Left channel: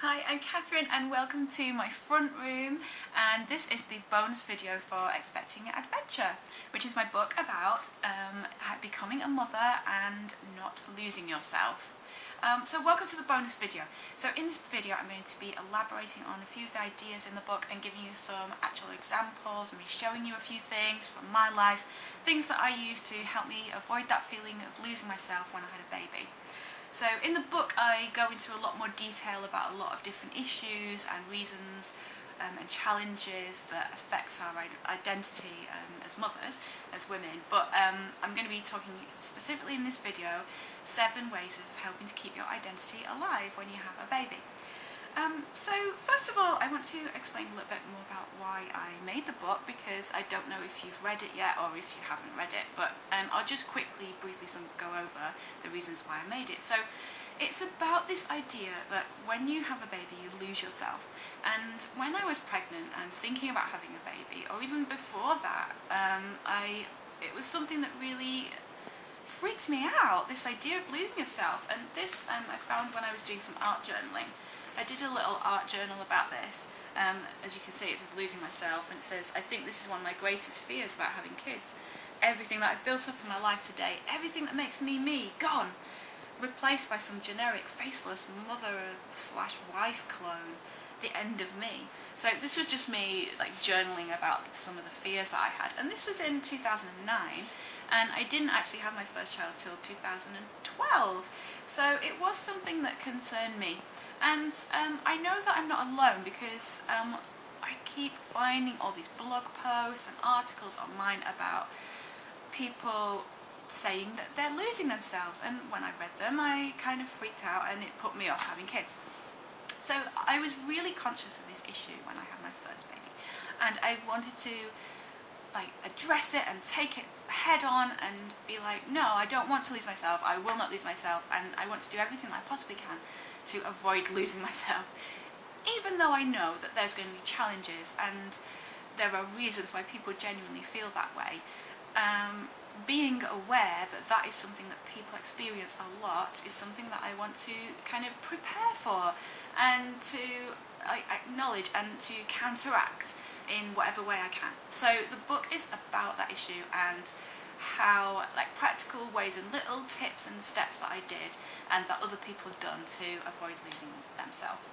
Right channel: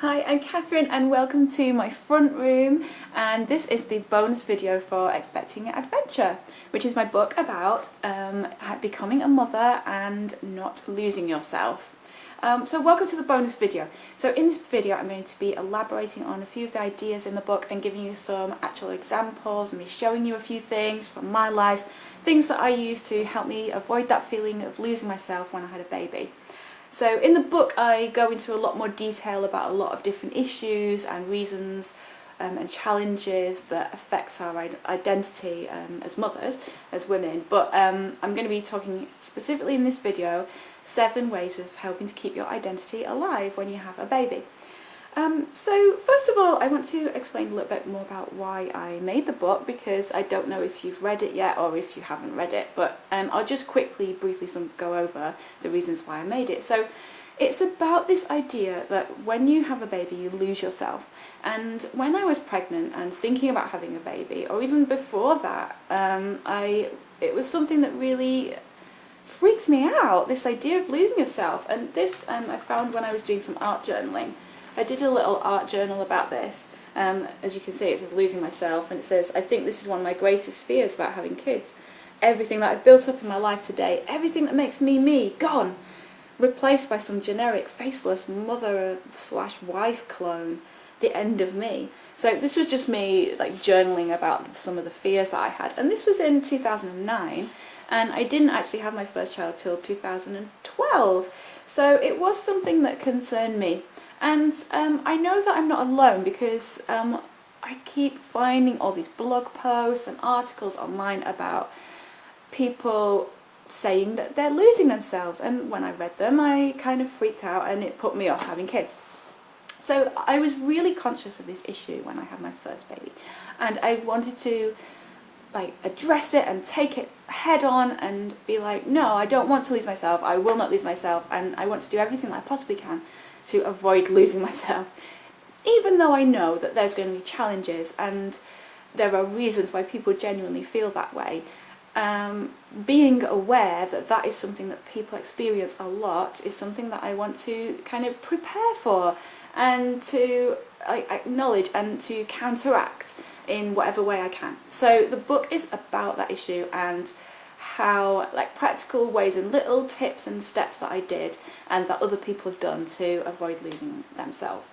Hi, I'm Catherine and welcome to my front room, and this is the bonus video for Expecting Adventure, which is my book about becoming a mother and not losing yourself. So welcome to the bonus video. So in this video I'm going to be elaborating on a few of the ideas in the book and giving you some actual examples and me showing you a few things from my life, things that I use to help me avoid that feeling of losing myself when I had a baby. So in the book I go into a lot more detail about a lot of different issues and reasons and challenges that affect our identity as mothers, as women. But I'm going to be talking specifically in this video 7 ways of helping to keep your identity alive when you have a baby. So first of all I want to explain a little bit more about why I made the book, because I don't know if you've read it yet or if you haven't read it, but I'll just briefly go over the reasons why I made it. So it's about this idea that when you have a baby you lose yourself, and when I was pregnant and thinking about having a baby, or even before that, it was something that really freaked me out, this idea of losing yourself. And this I found when I was doing some art journaling. I did a little art journal about this. As you can see, it says losing myself, and it says, I think this is one of my greatest fears about having kids. Everything that I've built up in my life today, everything that makes me me, gone, replaced by some generic faceless mother/wife clone, the end of me. So this was just me like journaling about some of the fears that I had, and this was in 2009, and I didn't actually have my first child till 2012, so it was something that concerned me. And I know that I'm not alone, because I keep finding all these blog posts and articles online about people saying that they're losing themselves, and when I read them I kind of freaked out and it put me off having kids. So I was really conscious of this issue when I had my first baby, and I wanted to address it and take it head on and be like, no, I don't want to lose myself, I will not lose myself, and I want to do everything that I possibly can to avoid losing myself, even though I know that there's going to be challenges and there are reasons why people genuinely feel that way. Being aware that that is something that people experience a lot is something that I want to kind of prepare for and to acknowledge and to counteract in whatever way I can. So the book is about that issue and how, practical ways and little tips and steps that I did and that other people have done to avoid losing themselves.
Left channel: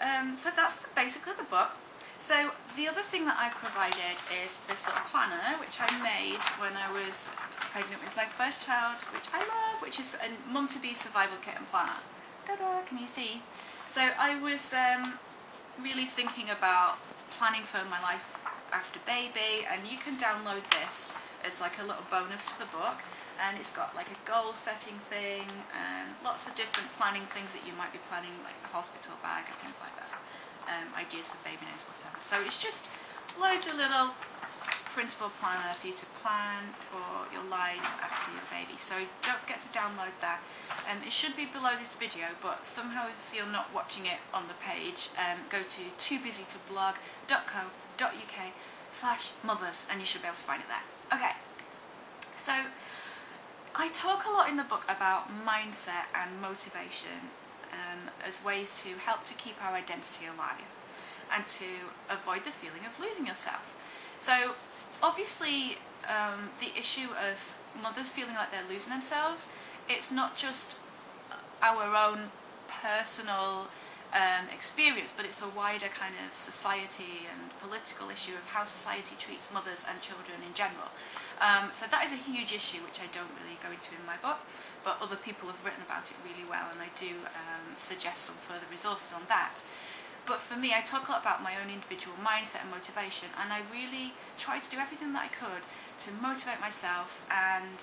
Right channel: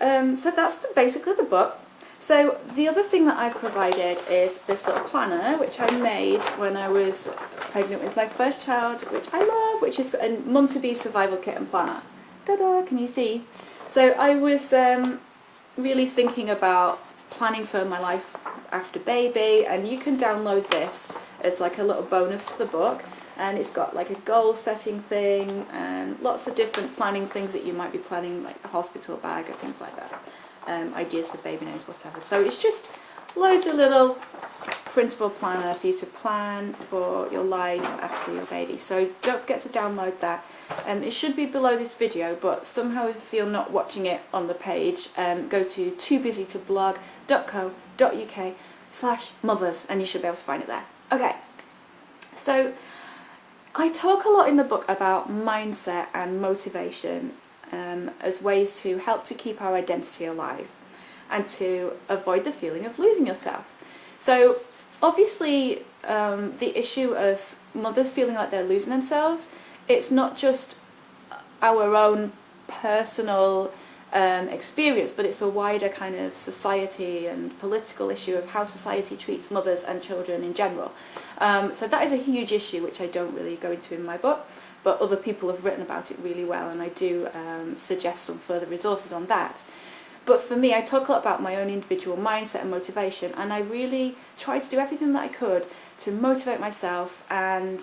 So that's basically the book. So the other thing that I've provided is this little planner, which I made when I was pregnant with my first child, which I love, which is a mum-to-be survival kit and planner. Ta-da, can you see? So I was really thinking about planning for my life after baby, and you can download this as like a little bonus to the book, and it's got like a goal setting thing and lots of different planning things that you might be planning, like a hospital bag or things like that, ideas for baby names, whatever. So it's just loads of little printable planner for you to plan for your life after your baby. So don't forget to download that. It should be below this video, but somehow if you're not watching it on the page, go to toobusytoblog.co.uk/mothers and you should be able to find it there. Okay, so I talk a lot in the book about mindset and motivation as ways to help to keep our identity alive and to avoid the feeling of losing yourself. So obviously the issue of mothers feeling like they're losing themselves, it's not just our own personal experience, but it's a wider kind of society and political issue of how society treats mothers and children in general. So that is a huge issue which I don't really go into in my book, but other people have written about it really well, and I do suggest some further resources on that. But for me, I talk a lot about my own individual mindset and motivation, and I really tried to do everything that I could to motivate myself and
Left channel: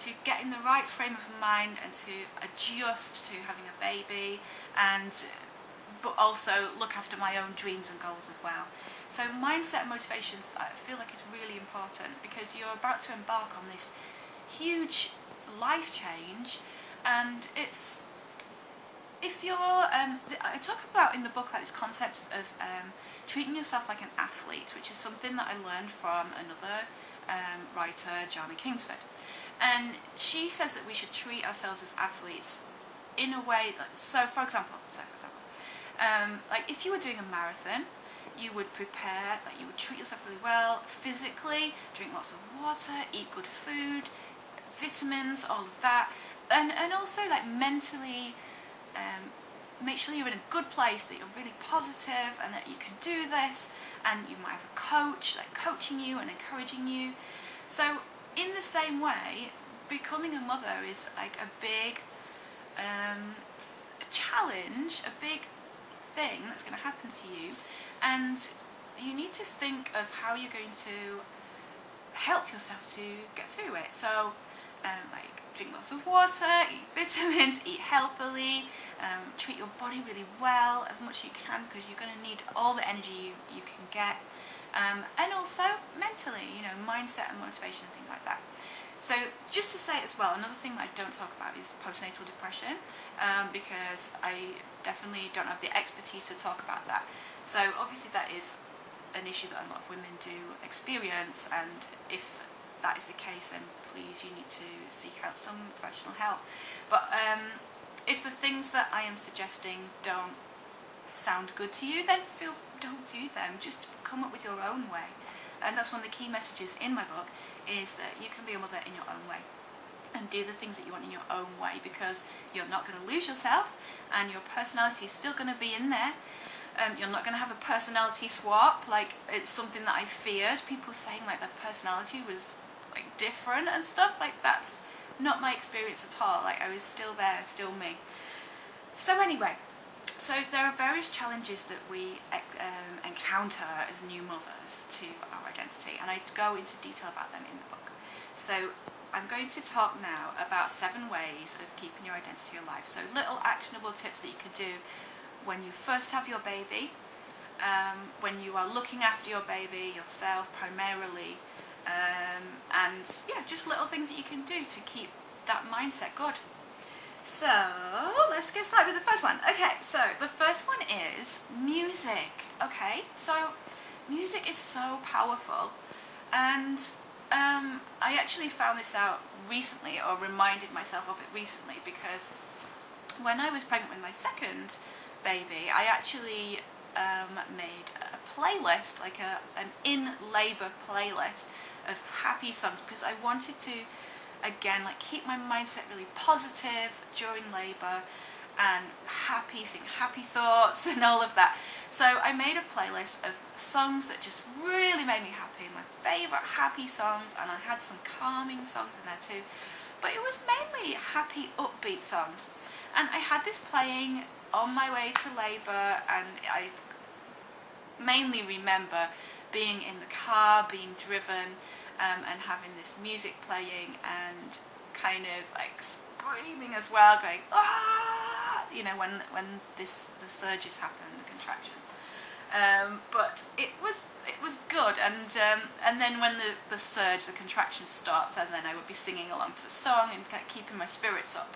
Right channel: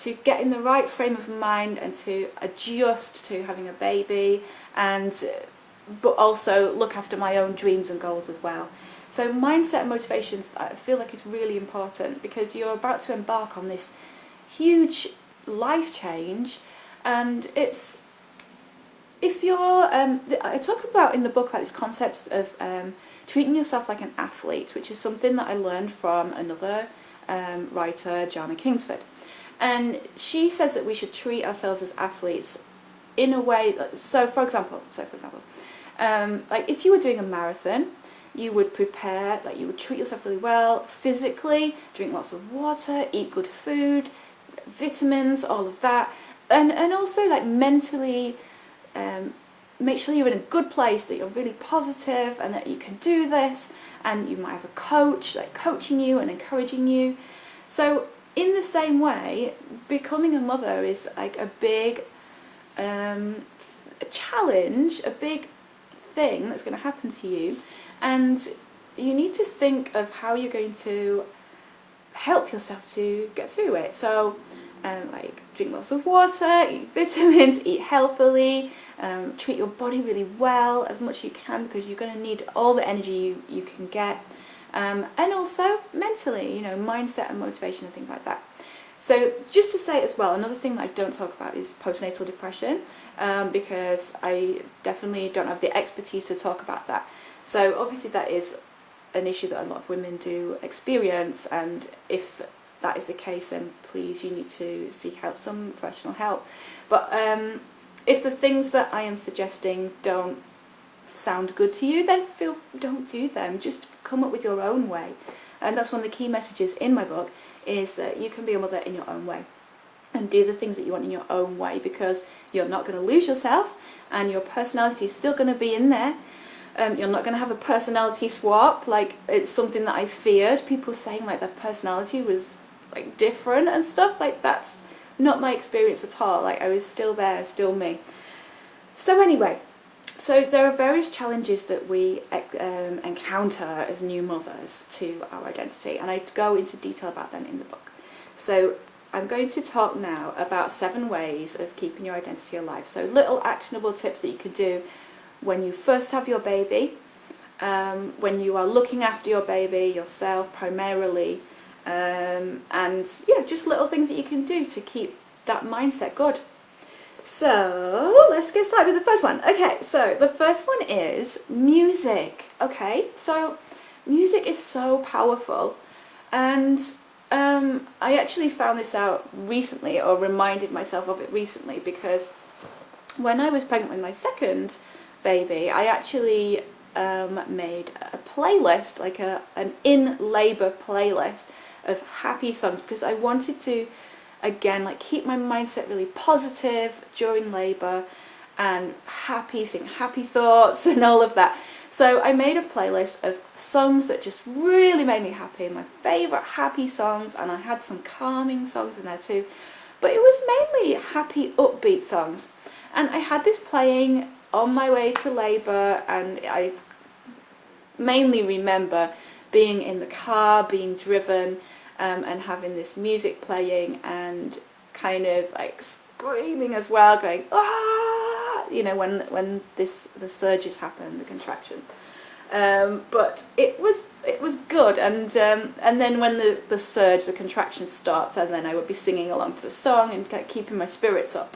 to get in the right frame of mind and to adjust to having a baby, but also look after my own dreams and goals as well. So mindset and motivation, I feel like it's really important, because you're about to embark on this huge life change, and it's, if you're, I talk about in the book about these concepts of treating yourself like an athlete, which is something that I learned from another writer, Jana Kingsford. And she says that we should treat ourselves as athletes in a way that, so for example, Like if you were doing a marathon, you would prepare, like you would treat yourself really well physically, drink lots of water, eat good food, vitamins, all of that, and also like mentally make sure you're in a good place, that you're really positive and that you can do this, and you might have a coach like coaching you and encouraging you. So in the same way, becoming a mother is like a big a challenge, a big thing that's going to happen to you, and you need to think of how you're going to help yourself to get through it. So like drink lots of water, eat vitamins, eat healthily, treat your body really well as much as you can, because you're going to need all the energy you can get, and also mentally, you know, mindset and motivation and things like that. So just to say as well, another thing that I don't talk about is postnatal depression, because I definitely don't have the expertise to talk about that. So obviously that is an issue that a lot of women do experience, and if that is the case, then please, you need to seek out some professional help. But if the things that I am suggesting don't sound good to you, then don't do them. Just come up with your own way. And that's one of the key messages in my book, is that you can be a mother in your own way and do the things that you want in your own way, because you're not going to lose yourself and your personality is still going to be in there. You're not going to have a personality swap. Like, it's something that I feared, people saying like their personality was like different and stuff. Like, that's not my experience at all. Like, I was still there, still me. So anyway, so there are various challenges that we encounter as new mothers to our identity, and I go into detail about them in the book. So I'm going to talk now about 7 ways of keeping your identity alive. So little actionable tips that you can do when you first have your baby, when you are looking after your baby yourself primarily, and yeah, just little things that you can do to keep that mindset good. So let's get started with the first one. Okay, so the first one is music. Okay, so music is so powerful, and I actually found this out recently, or reminded myself of it recently, because when I was pregnant with my second baby, I actually made a playlist, like an in labour playlist of happy songs, because I wanted to, again, like keep my mindset really positive during labour and think happy thoughts and all of that. So I made a playlist of songs that just really made me happy, my favourite happy songs, and I had some calming songs in there too, but it was mainly happy, upbeat songs. And I had this playing on my way to labour, and I mainly remember being in the car, being driven, and having this music playing, and kind of like screaming as well, going, ah, you know, when the surges happen, the contraction. But it was good, and then when the surge, the contraction stopped, and then I would be singing along to the song and keeping my spirits up.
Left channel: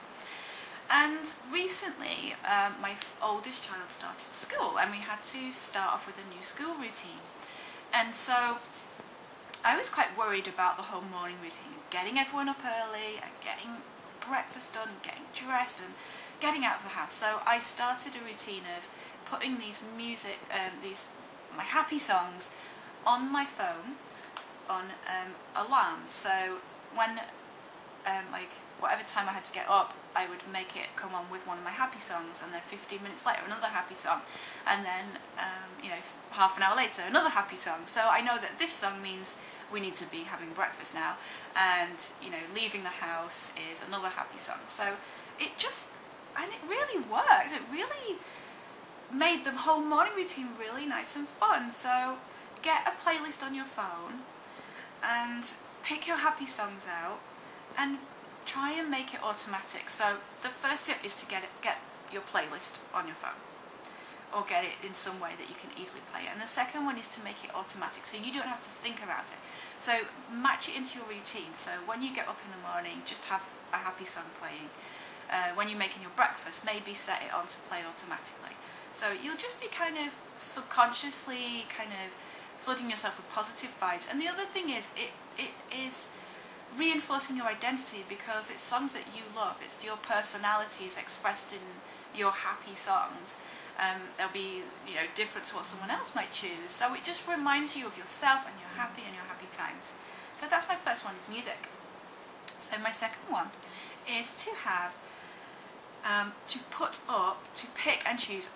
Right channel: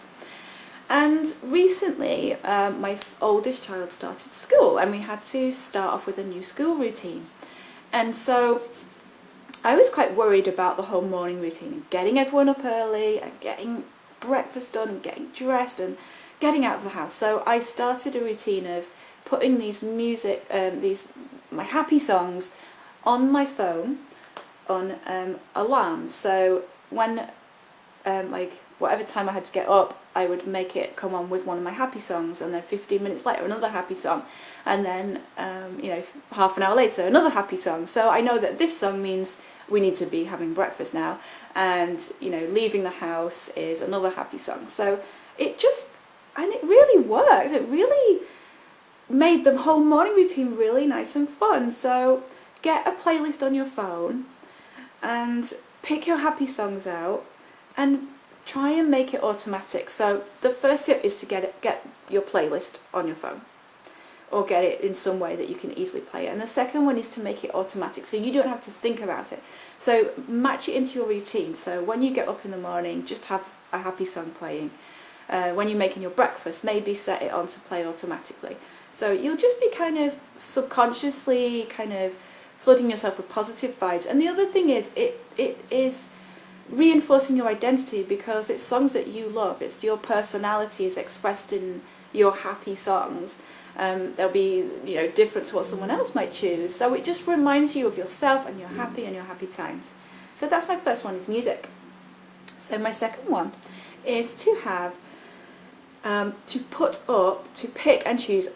And recently, my oldest child started school, and we had to start off with a new school routine. And so I was quite worried about the whole morning routine, getting everyone up early and getting breakfast done and getting dressed and getting out of the house. So I started a routine of putting these my happy songs on my phone on alarms. So when like whatever time I had to get up, I would make it come on with one of my happy songs, and then 15 minutes later another happy song, and then you know, half an hour later another happy song. So I know that this song means we need to be having breakfast now, and you know, leaving the house is another happy song. So it really worked. It really made the whole morning routine really nice and fun. So get a playlist on your phone and pick your happy songs out and try and make it automatic. So the first tip is to get your playlist on your phone, or get it in some way that you can easily play it. And the second one is to make it automatic, so you don't have to think about it. So match it into your routine. So when you get up in the morning, just have a happy song playing. When you're making your breakfast, maybe set it on to play automatically. So you'll just be kind of subconsciously kind of flooding yourself with positive vibes. And the other thing is, it is reinforcing your identity, because it's songs that you love. It's your personality is expressed in your happy songs, They'll be, different to what someone else might choose. So it just reminds you of yourself and you're happy and your happy times. So that's my first one, is music. So my second one is to have, to pick and choose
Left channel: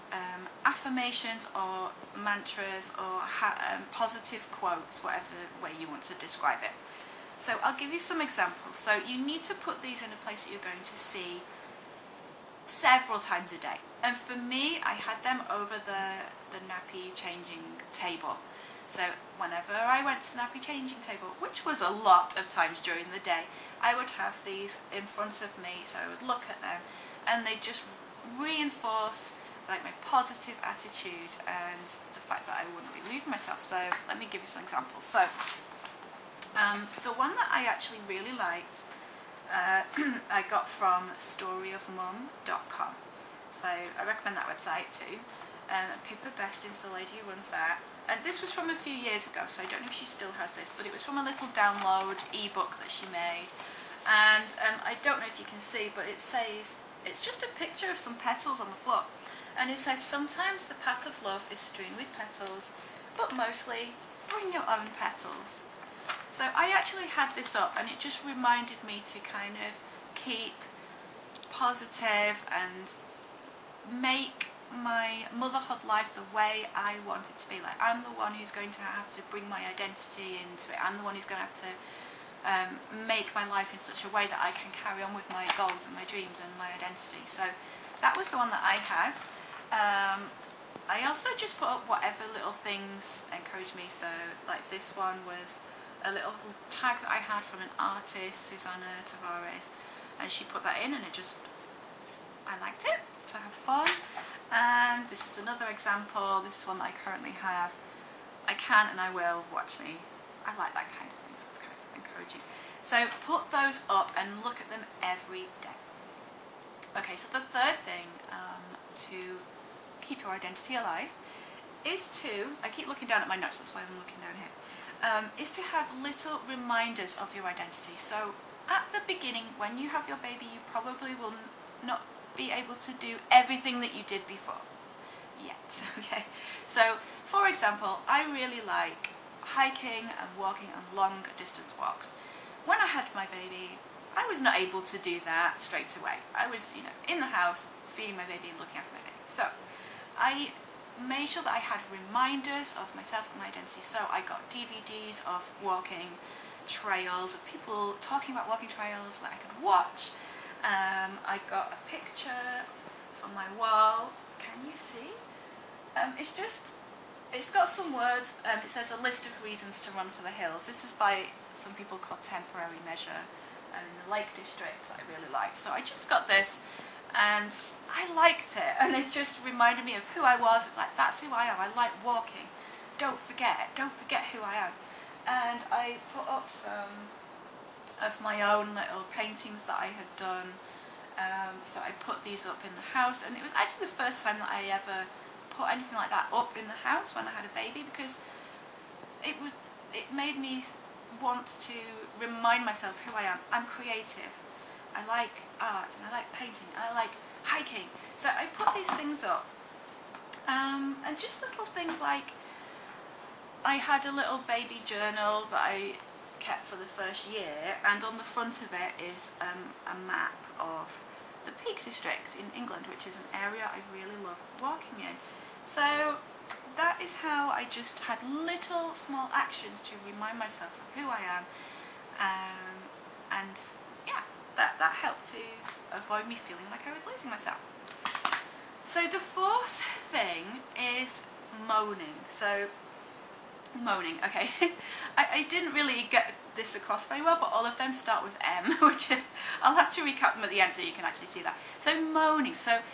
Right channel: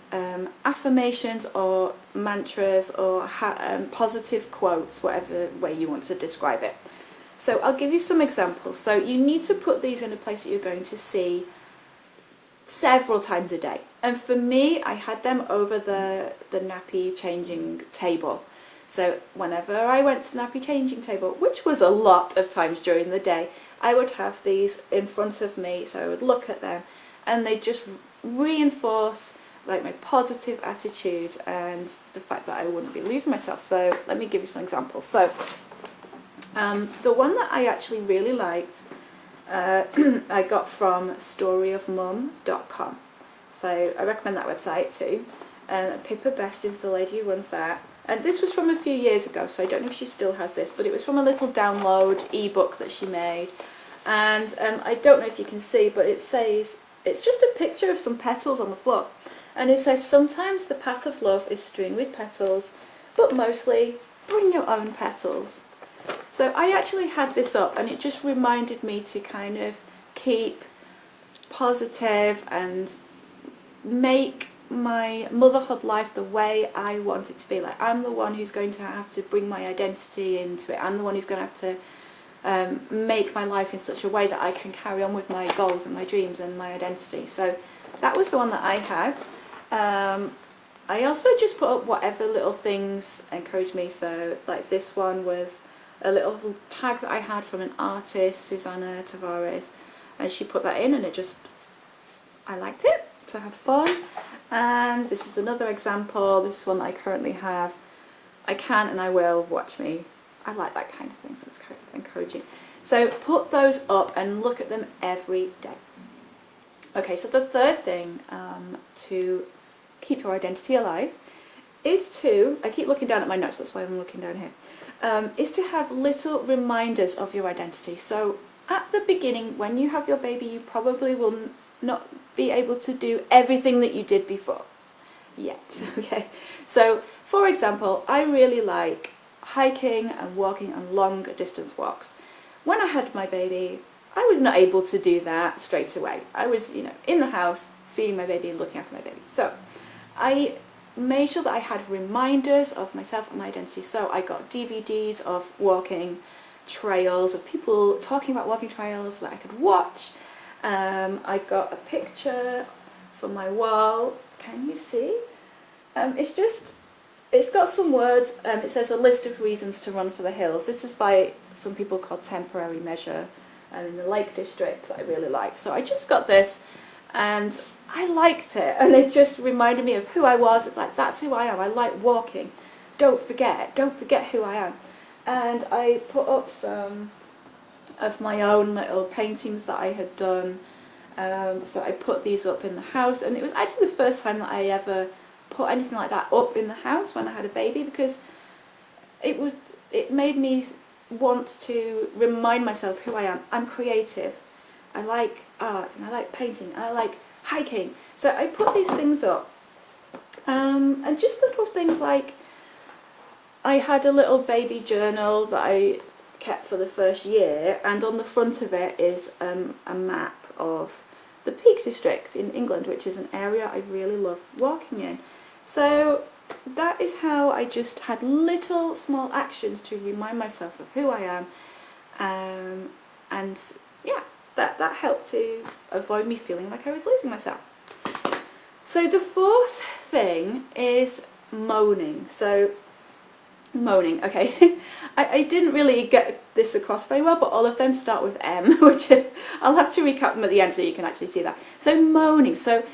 affirmations or mantras or positive quotes, whatever way you want to describe it. So I'll give you some examples. So you need to put these in a place that you're going to see several times a day. And for me, I had them over the nappy changing table. So whenever I went to the nappy changing table, which was a lot of times during the day, I would have these in front of me, so I would look at them, and they just reinforce like my positive attitude and the fact that I wouldn't be losing myself. So let me give you some examples. So the one that I actually really liked, I got from storyofmum.com. So I recommend that website too. Pippa Best is the lady who runs that. And this was from a few years ago, so I don't know if she still has this, but it was from a little download ebook that she made. And I don't know if you can see, but it says, it's just a picture of some petals on the floor. And it says, sometimes the path of love is strewn with petals, but mostly bring your own petals. So I actually had this up, and it just reminded me to kind of keep positive and make my motherhood life the way I want it to be. Like, I'm the one who's going to have to bring my identity into it. I'm the one who's going to have to make my life in such a way that I can carry on with my goals and my dreams and my identity. So that was the one that I had. I also just put up whatever little things encouraged me. So like this one was a little tag that I had from an artist, Susanna Tavares, and she put that in, and I liked it to have fun. And this is another example. This is one that I currently have. I can and I will, watch me. I like that kind of thing. It's kind of encouraging. So put those up and look at them every day. Okay, so the third thing to keep your identity alive is to, I keep looking down at my notes, that's why I'm looking down here, is to have little reminders of your identity. So at the beginning, when you have your baby, you probably will not be able to do everything that you did before yet. Okay, so for example, I really like hiking and walking and long distance walks. When I had my baby, I was not able to do that straight away. I was, in the house feeding my baby and looking after my baby. So I made sure that I had reminders of myself and my identity. So I got DVDs of walking trails, of people talking about walking trails that I could watch. I got a picture for my wall. Can you see? It's got some words. It says a list of reasons to run for the hills. This is by some people called Temporary Measure in the Lake District that I really like. So I just got this, and I liked it, and it just reminded me of who I was. It's like, that's who I am. I like walking. Don't forget who I am. And I put up some of my own little paintings that I had done. So I put these up in the house, and it was actually the first time that I ever put anything like that up in the house when I had a baby, because it made me want to remind myself who I am. I'm creative. I like art, and I like painting, and I like hiking. So I put these things up, and just little things like, I had a little baby journal that I kept for the first year, and on the front of it is a map of the Peak District in England, which is an area I really love walking in. So that is how I just had little small actions to remind myself of who I am, and yeah, that helped to avoid me feeling like I was losing myself. So the fourth thing is moaning. So moaning, okay. I didn't really get this across very well, but all of them start with M, which I'll have to recap them at the end so you can actually see that. So moaning. So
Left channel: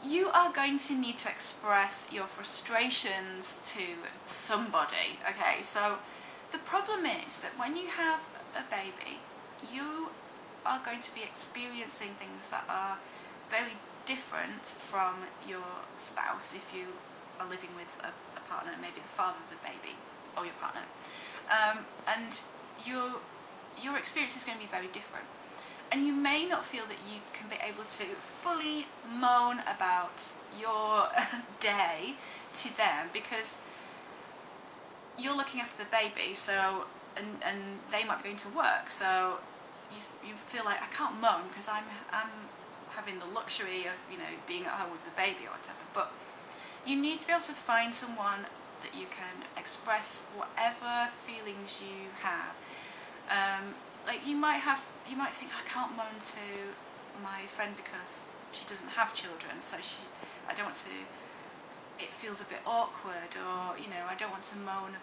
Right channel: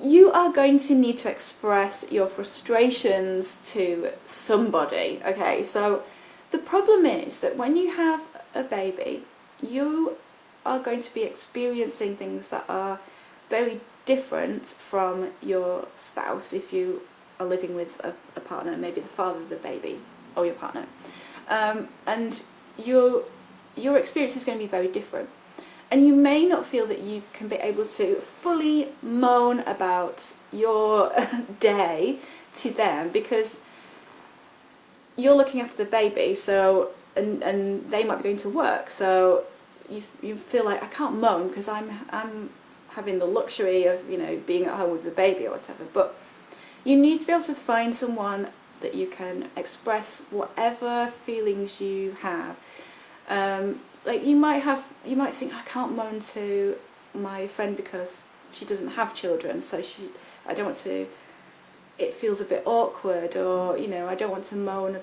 you are going to need to express your frustrations to somebody, okay? So the problem is that when you have a baby, you are going to be experiencing things that are very different from your spouse if you are living with a partner, maybe the father of the baby or your partner, and your experience is going to be very different. And you may not feel that you can be able to fully moan about your day to them because you're looking after the baby, so and they might be going to work, so you feel like I can't moan because I'm having the luxury of being at home with the baby or whatever. But you need to be able to find someone that you can express whatever feelings you have. Like you might think I can't moan to my friend because she doesn't have children, so I don't want to. It feels a bit awkward, or I don't want to moan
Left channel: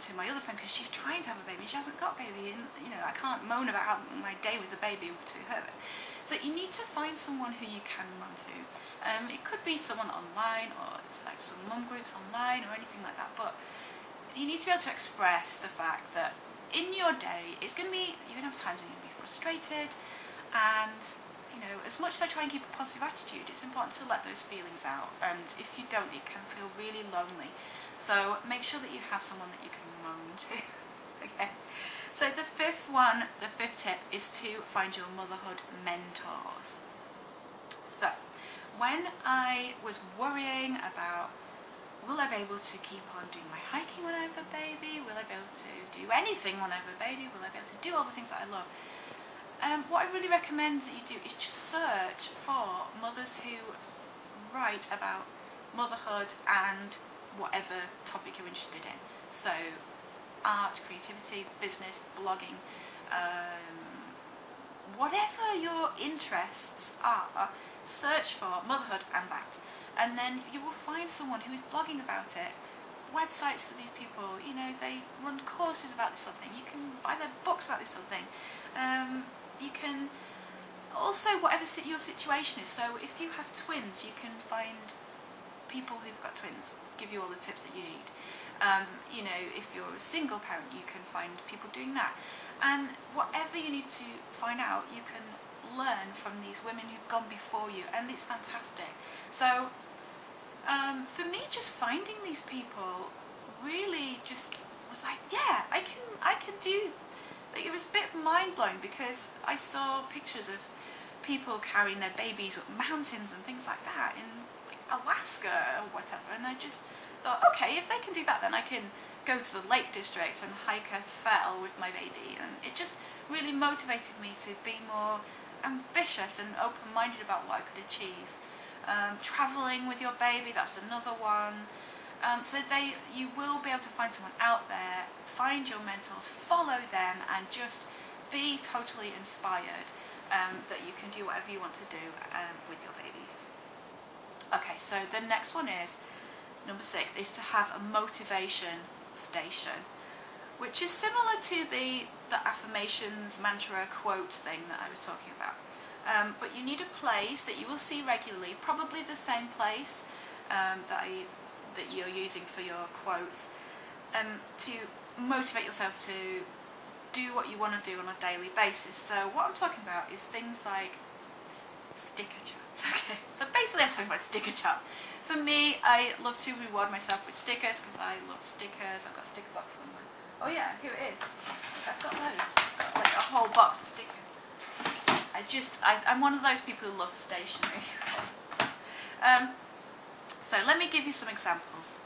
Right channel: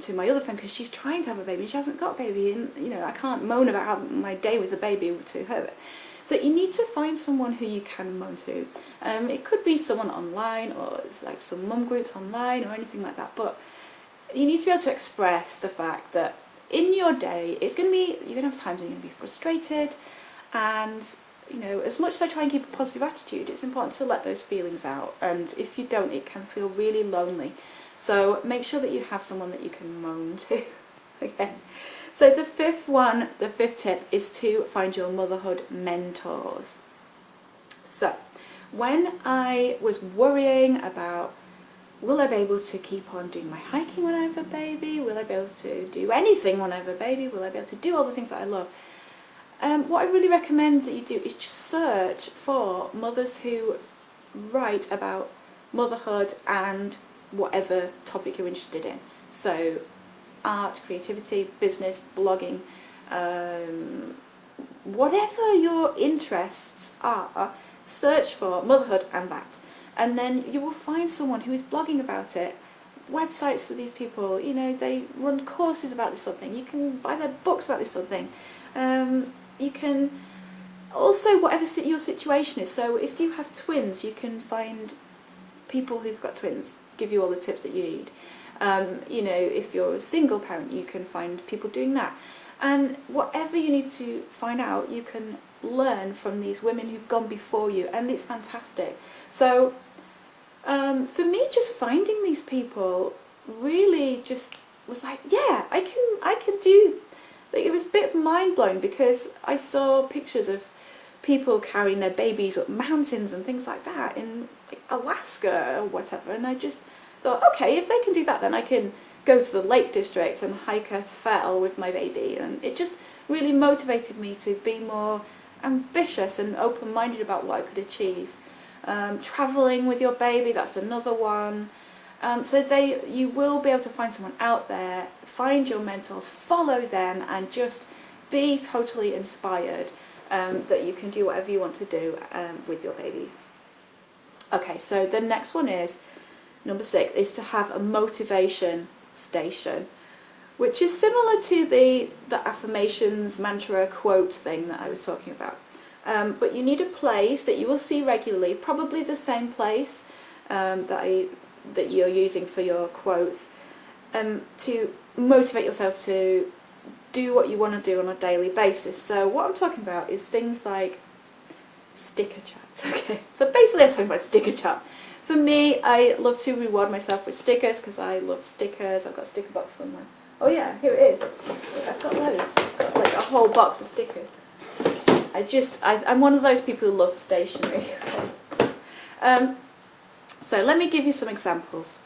to my other friend because she's trying to have a baby and she hasn't got a baby, and I can't moan about my day with the baby to her. So you need to find someone who you can moan to. It could be someone online, or it's like some mum groups online, or anything like that. But you need to be able to express the fact that in your day, you're going to have times when you're going to be frustrated, and as much as I try and keep a positive attitude, it's important to let those feelings out. And if you don't, it can feel really lonely. So make sure that you have someone that you can moan to. Okay. So the fifth tip is to find your motherhood mentors. So when I was worrying about, will I be able to keep on doing my hiking when I have a baby? Will I be able to do anything when I have a baby? Will I be able to do all the things that I love? What I really recommend that you do is just search for mothers who write about motherhood and whatever topic you're interested in. So art, creativity, business, blogging, whatever your interests are, search for motherhood and that. And then you will find someone who is blogging about it. Websites for these people, they run courses about this sort of thing. You can buy their books about this sort of thing. You can also, whatever your situation is, so if you have twins, you can find people who've got twins, give you all the tips that you need. If you're a single parent, you can find people doing that. And whatever you need to find out, you can learn from these women who've gone before you, and it's fantastic. So for me, just finding these people really just was like, yeah, I can do. Like, it was a bit mind-blowing because I saw pictures of people carrying their babies up mountains and things like that in Alaska or whatever, and I just thought, okay, if they can do that, then I can go to the Lake District and hike a fell with my baby. And it just really motivated me to be more ambitious and open-minded about what I could achieve. Travelling with your baby, that's another one. So you will be able to find someone out there, find your mentors, follow them, and just be totally inspired that you can do whatever you want to do with your babies. Okay, so the next one is, number 6, is to have a motivation station, which is similar to the affirmations, mantra, quote thing that I was talking about. But you need a place that you will see regularly, probably the same place that you're using for your quotes, to motivate yourself to do what you want to do on a daily basis. So what I'm talking about is things like sticker charts. Okay, so basically I'm talking about sticker charts. For me, I love to reward myself with stickers because I love stickers. I've got a sticker box somewhere. Oh yeah, here it is. I've got loads. I've got like a whole box of stickers. I'm one of those people who love stationery. So let me give you some examples.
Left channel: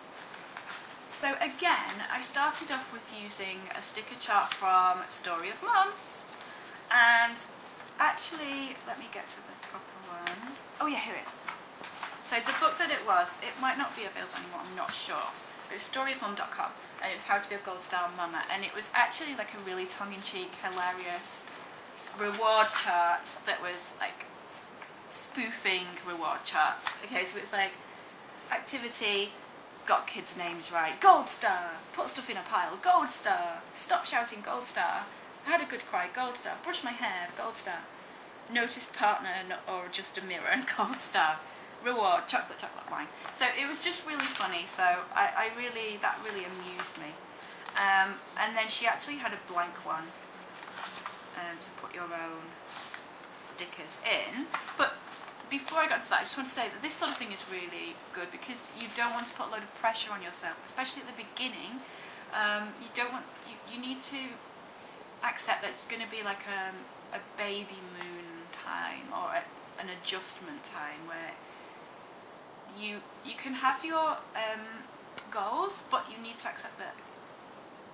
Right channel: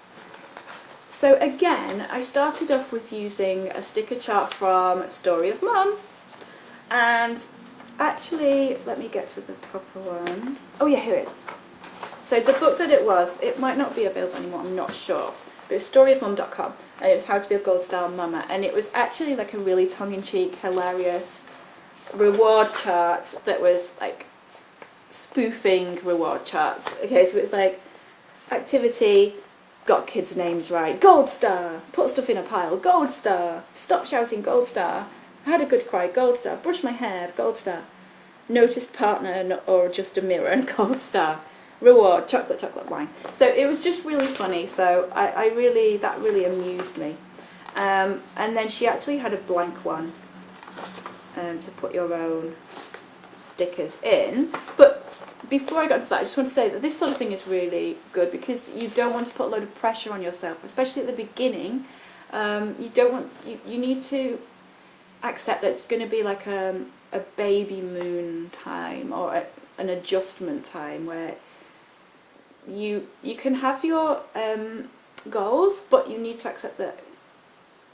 So again, I started off with using a sticker chart from Story of Mum, and actually, let me get to the proper one. Oh yeah, here it is. So the book that it might not be available anymore, I'm not sure, but it's storyofmum.com, and it was How to Be a Gold Star Mama, and it was actually like a really tongue-in-cheek, hilarious reward chart that was like spoofing reward charts. Okay, so it's like activity, got kids' names right, gold star, put stuff in a pile, gold star, stop shouting, gold star, had a good cry, gold star, brush my hair, gold star, noticed partner or just a mirror, and gold star, reward, chocolate wine. So it was just really funny, so that really amused me. And then she actually had a blank one to put your own stickers in. But before I got to that, I just want to say that this sort of thing is really good because you don't want to put a load of pressure on yourself, especially at the beginning. You need to accept that it's going to be like a baby moon time or an adjustment time where you can have your goals, but you need to accept that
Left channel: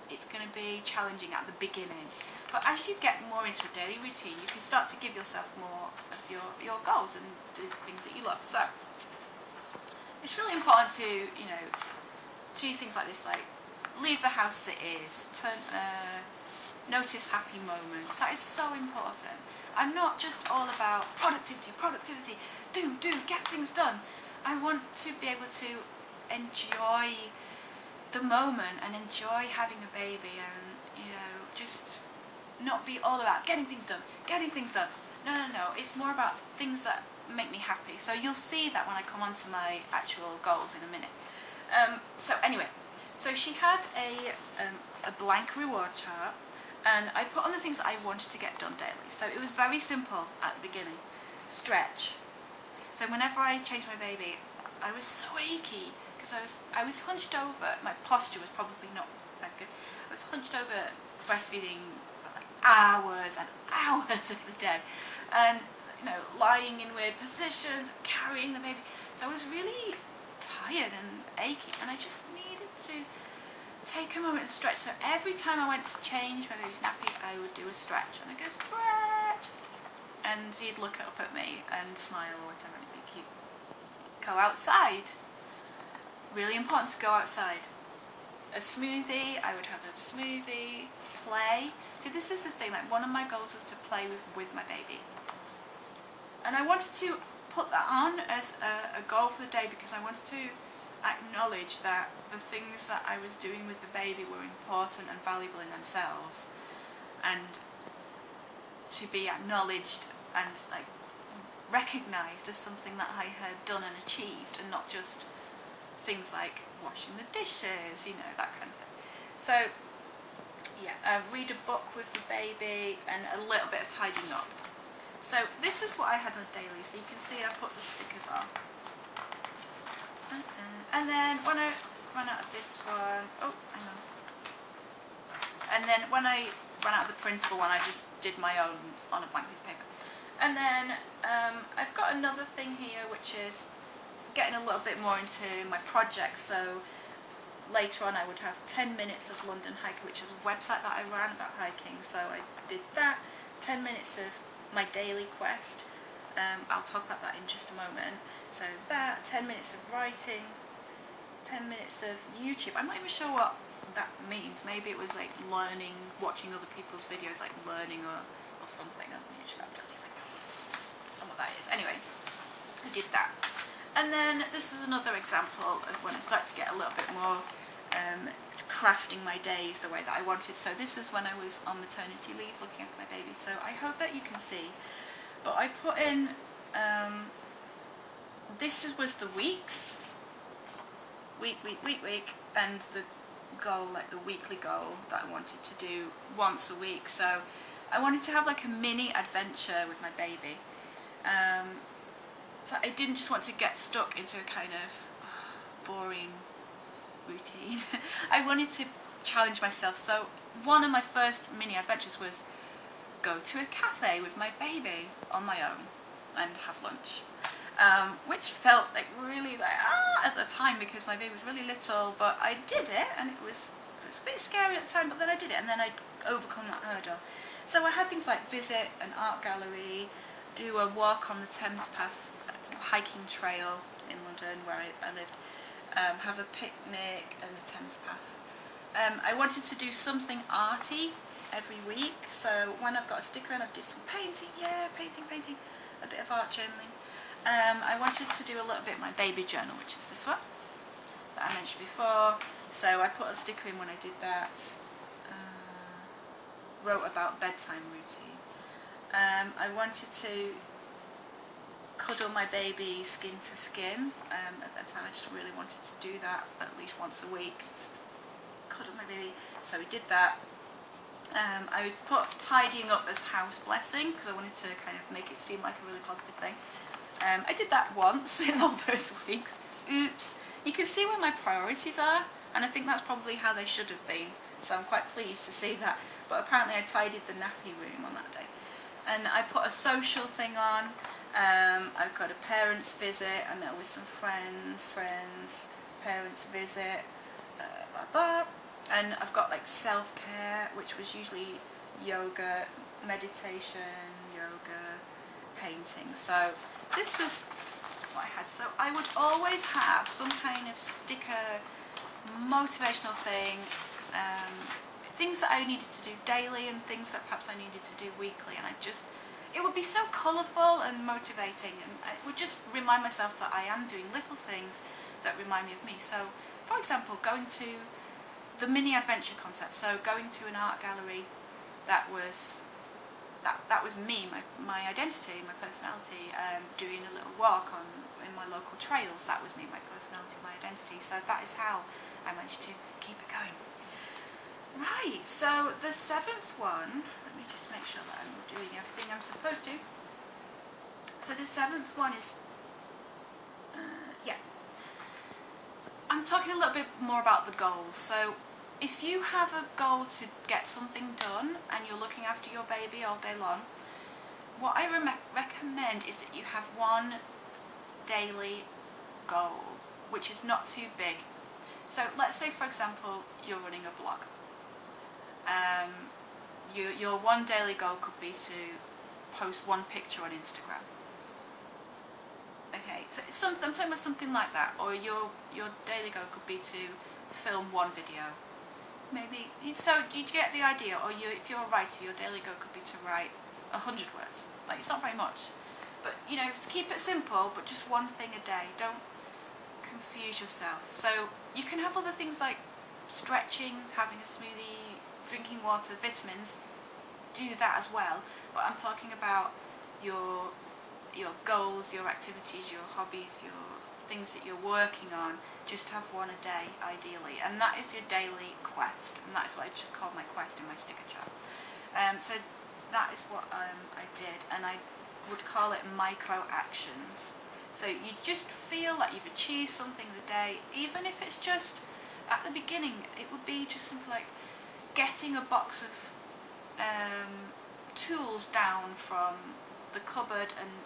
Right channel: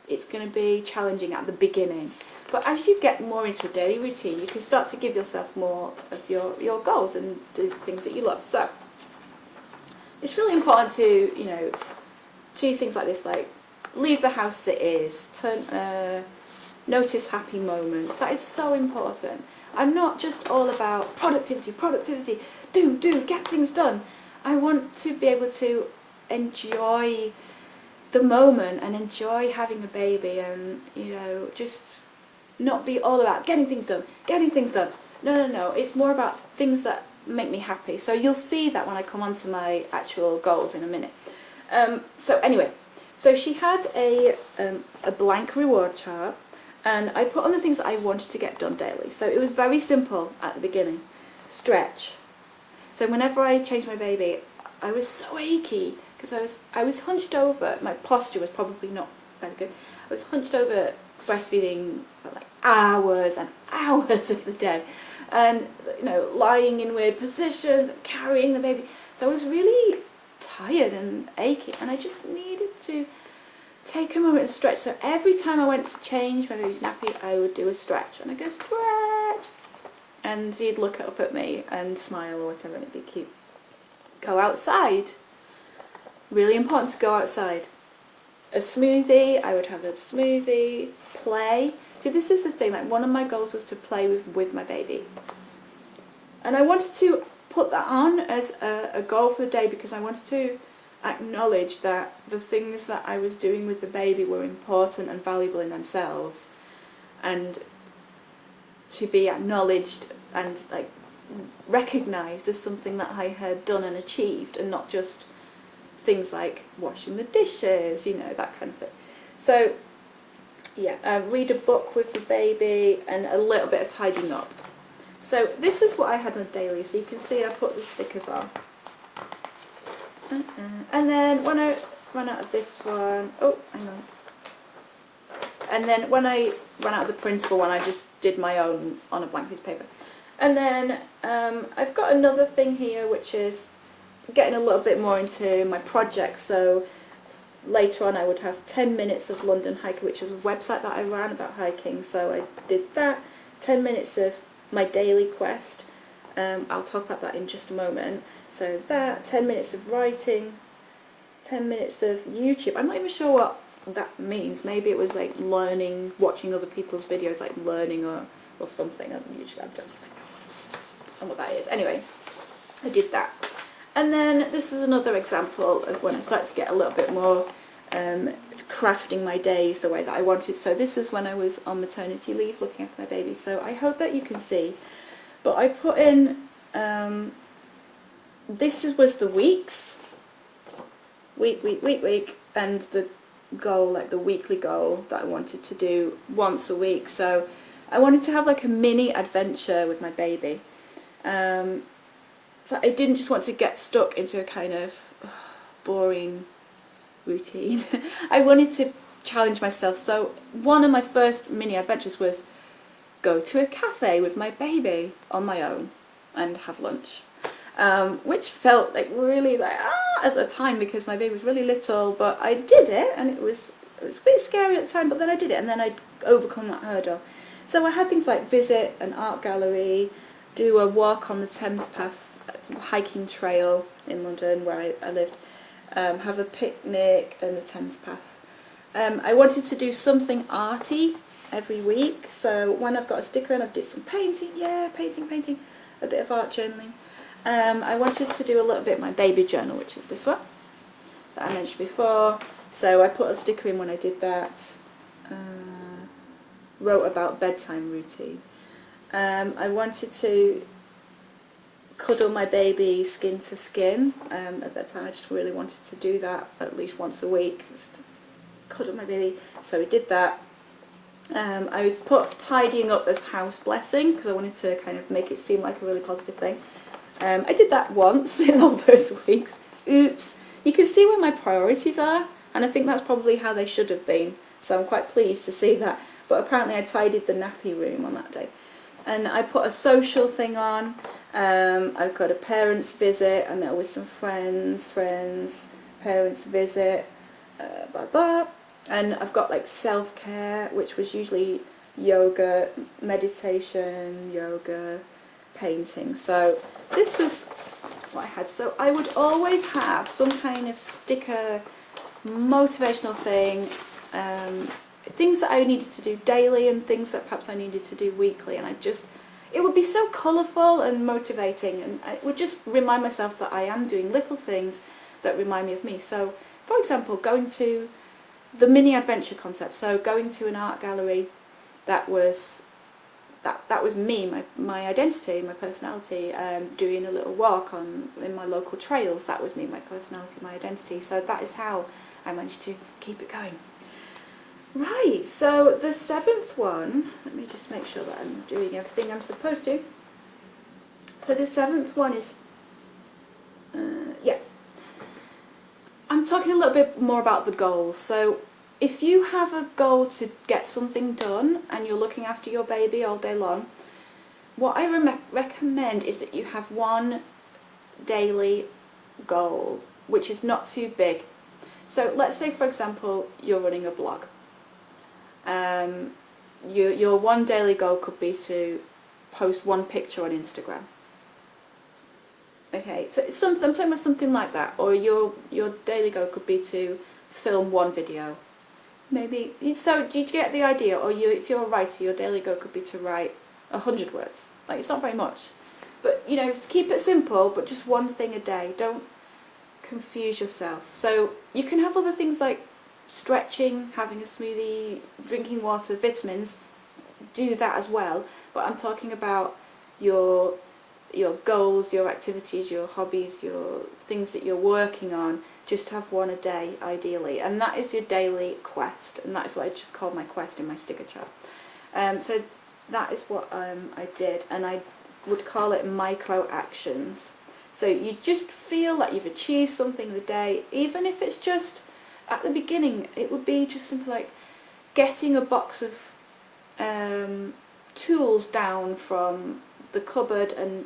it's going to be challenging at the beginning. But as you get more into a daily routine, you can start to give yourself more of your goals and do the things that you love. So it's really important to, you know, do things like this, like leave the house as it is, notice happy moments. That is so important. I'm not just all about productivity, do, get things done. I want to be able to enjoy the moment and enjoy having a baby and, you know, just not be all about getting things done. No. It's more about things that make me happy. So you'll see that when I come on to my actual goals in a minute. So anyway, so she had a blank reward chart, and I put on the things that I wanted to get done daily. So it was very simple at the beginning. Stretch. So whenever I changed my baby, I was so achy because I was hunched over. My posture was probably not very good. I was hunched over breastfeeding for like hours and hours of the day, and you know, lying in weird positions, carrying the baby. So I was really tired and achy, and I just needed to take a moment and stretch. So every time I went to change my baby's nappy, I would do a stretch, and I'd go stretch, and he'd look up at me and smile or whatever, and it'd be cute. Go outside. Really important to go outside. A smoothie, I would have a smoothie. Play. See, this is the thing, like one of my goals was to play with my baby. And I wanted to put that on as a goal for the day because I wanted to acknowledge that the things that I was doing with the baby were important and valuable in themselves, and to be acknowledged and like recognised as something that I had done and achieved, and not just things like washing the dishes, you know, that kind of thing. So yeah, read a book with the baby and a little bit of tidying up. So this is what I had on a daily. So you can see I put the stickers on. And then when I ran out of this one, oh, hang on. And then when I ran out of the printable one, I just did my own on a blank piece of paper. And then I've got another thing here, which is getting a little bit more into my project. So later on I would have 10 minutes of London Hiker, which is a website that I ran about hiking. So I did that, 10 minutes of my daily quest. I'll talk about that in just a moment. So that, 10 minutes of writing, 10 minutes of YouTube. I'm not even sure what that means. Maybe it was like learning, watching other people's videos, like learning or something on YouTube. I don't know what that is. Anyway, I did that. And then this is another example of when I started to get a little bit more crafting my days the way that I wanted. So this is when I was on maternity leave looking after my baby. So I hope that you can see. But I put in, was the weeks, week, and the goal, like the weekly goal that I wanted to do once a week. So I wanted to have like a mini adventure with my baby. So I didn't just want to get stuck into a kind of boring routine. I wanted to challenge myself. So one of my first mini adventures was go to a cafe with my baby on my own and have lunch, which felt like really like at the time because my baby was really little. But I did it, and it was a bit scary at the time. But then I did it, and then I'd overcome that hurdle. So I had things like visit an art gallery, do a walk on the Thames Path hiking trail in London where I lived, have a picnic on the Thames Path. I wanted to do something arty every week, so when I've got a sticker and I've did some painting, painting, a bit of art journaling. I wanted to do a little bit of my baby journal, which is this one that I mentioned before, so I put a sticker in when I did that. Wrote about bedtime routine. I wanted to cuddle my baby skin to skin. At that time I just really wanted to do that at least once a week, just cuddle my baby, so we did that. I put tidying up as house blessing because I wanted to kind of make it seem like a really positive thing. I did that once in all those weeks. Oops. You can see where my priorities are, and I think that's probably how they should have been, so I'm quite pleased to see that. But apparently I tidied the nappy room on that day. And I put a social thing on. I've got a parents visit, I met with some friends, parents visit, blah blah. And I've got like self-care, which was usually yoga, meditation, yoga, painting. So this was what I had. So I would always have some kind of sticker, motivational thing, things that I needed to do daily and things that perhaps I needed to do weekly, and it would be so colourful and motivating, and I would just remind myself that I am doing little things that remind me of me. So, for example, going to the mini adventure concept, so going to an art gallery, that was me, my identity, my personality. Doing a little walk in my local trails, that was me, my personality, my identity. So that is how I managed to keep it going. Right, so the 7th one, let me just make sure that I'm doing everything I'm supposed to. So the 7th one is, I'm talking a little bit more about the goals. So if you have a goal to get something done and you're looking after your baby all day long, what I recommend is that you have one daily goal, which is not too big. So let's say, for example, you're running a blog. Your one daily goal could be to post one picture on Instagram. Okay, so I'm talking about something like that. Or your daily goal could be to film one video. Maybe, so do you get the idea? Or if you're a writer, your daily goal could be to write 100 words. Like, it's not very much. But, to keep it simple, but just one thing a day. Don't confuse yourself. So you can have other things like stretching, having a smoothie, drinking water, vitamins. Do that as well. But I'm talking about your goals, your activities, your hobbies, your things that you're working on. Just have one a day, ideally. And that is your daily quest. And that is what I just called my quest in my sticker chart. So that is what I did. And I would call it micro actions. So you just feel like you've achieved something the day, even if it's just, at the beginning, it would be just something like getting a box of tools down from the cupboard and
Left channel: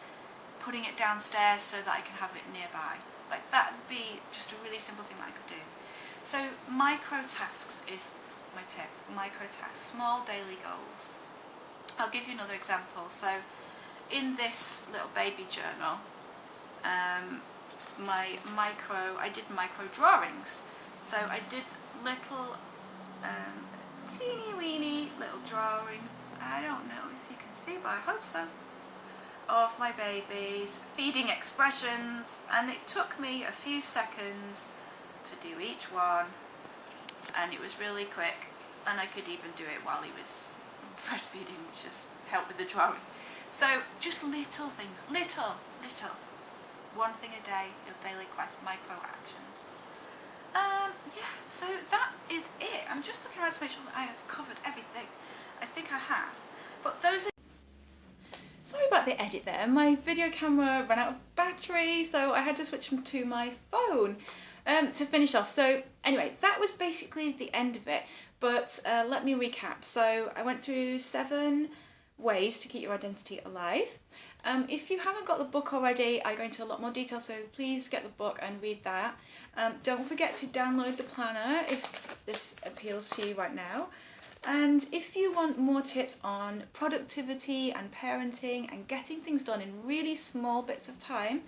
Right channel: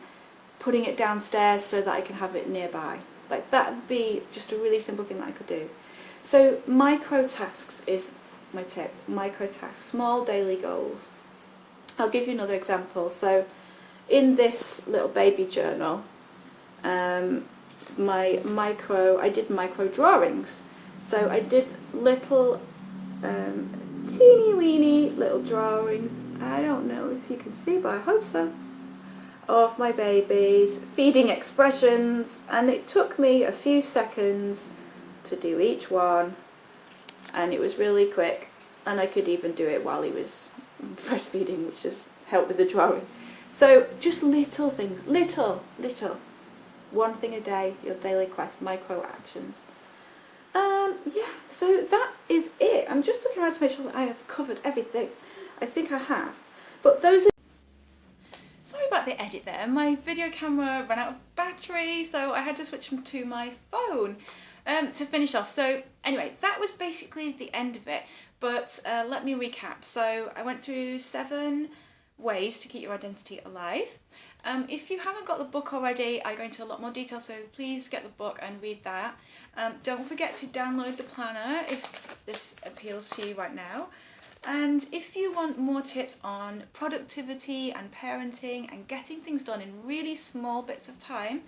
putting it downstairs so that I can have it nearby. Like, that would be just a really simple thing that I could do. So micro tasks is my tip. Micro tasks, small daily goals. I'll give you another example. So in this little baby journal, I did micro drawings. So I did little teeny weeny little drawings. I don't know if you can see, but I hope so. Of my babies, feeding expressions, and it took me a few seconds to do each one, and it was really quick, and I could even do it while he was breastfeeding, which just helped with the drawing. So just little things, little, one thing a day, your daily quest, micro actions. So that is it. I'm just looking around to make sure that I have covered everything. I think I have, but those are... Sorry about the edit there, my video camera ran out of battery, so I had to switch to my phone to finish off. So anyway, that was basically the end of it, but let me recap. So I went through 7 ways to keep your identity alive. If you haven't got the book already, I go into a lot more detail, so please get the book and read that. Don't forget to download the planner if this appeals to you right now. And if you want more tips on productivity and parenting and getting things done in really small bits of time,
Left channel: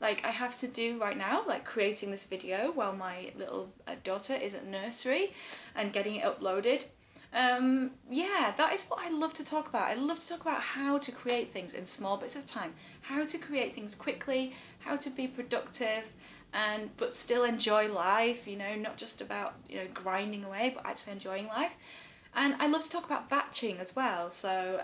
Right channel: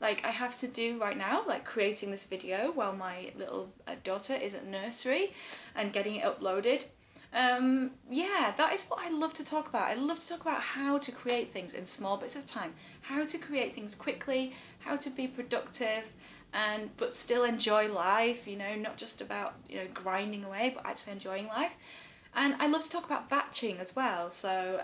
like I have to do right now, like creating this video while my little daughter is at nursery and getting it uploaded, that is what I love to talk about. I love to talk about how to create things in small bits of time, how to create things quickly, how to be productive, but still enjoy life, not just about, grinding away, but actually enjoying life. And I love to talk about batching as well. So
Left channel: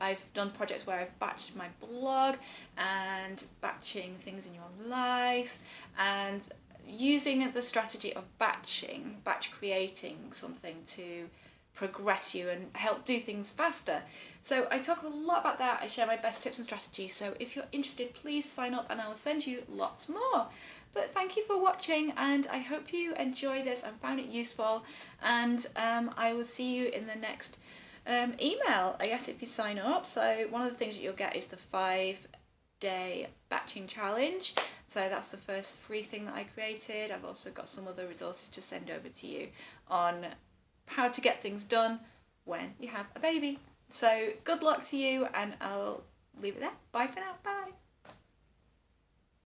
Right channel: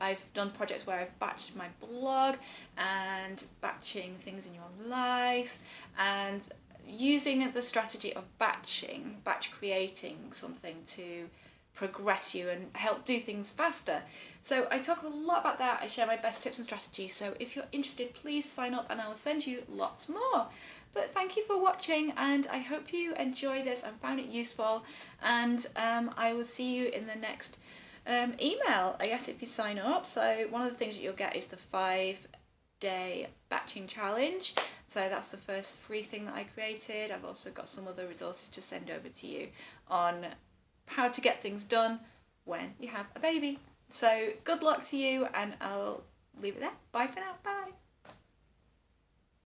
I've done projects where I've batched my blog and batching things in your life, and using the strategy of batch creating something to progress you and help do things faster. So I talk a lot about that. I share my best tips and strategies. So if you're interested, please sign up and I will send you lots more. But thank you for watching, and I hope you enjoy this and found it useful, and I will see you in the next Email, I guess, if you sign up. So one of the things that you'll get is the 5-day batching challenge. So that's the first free thing that I created. I've also got some other resources to send over to you on how to get things done when you have a baby. So good luck to you, and I'll leave it there. Bye for now. Bye.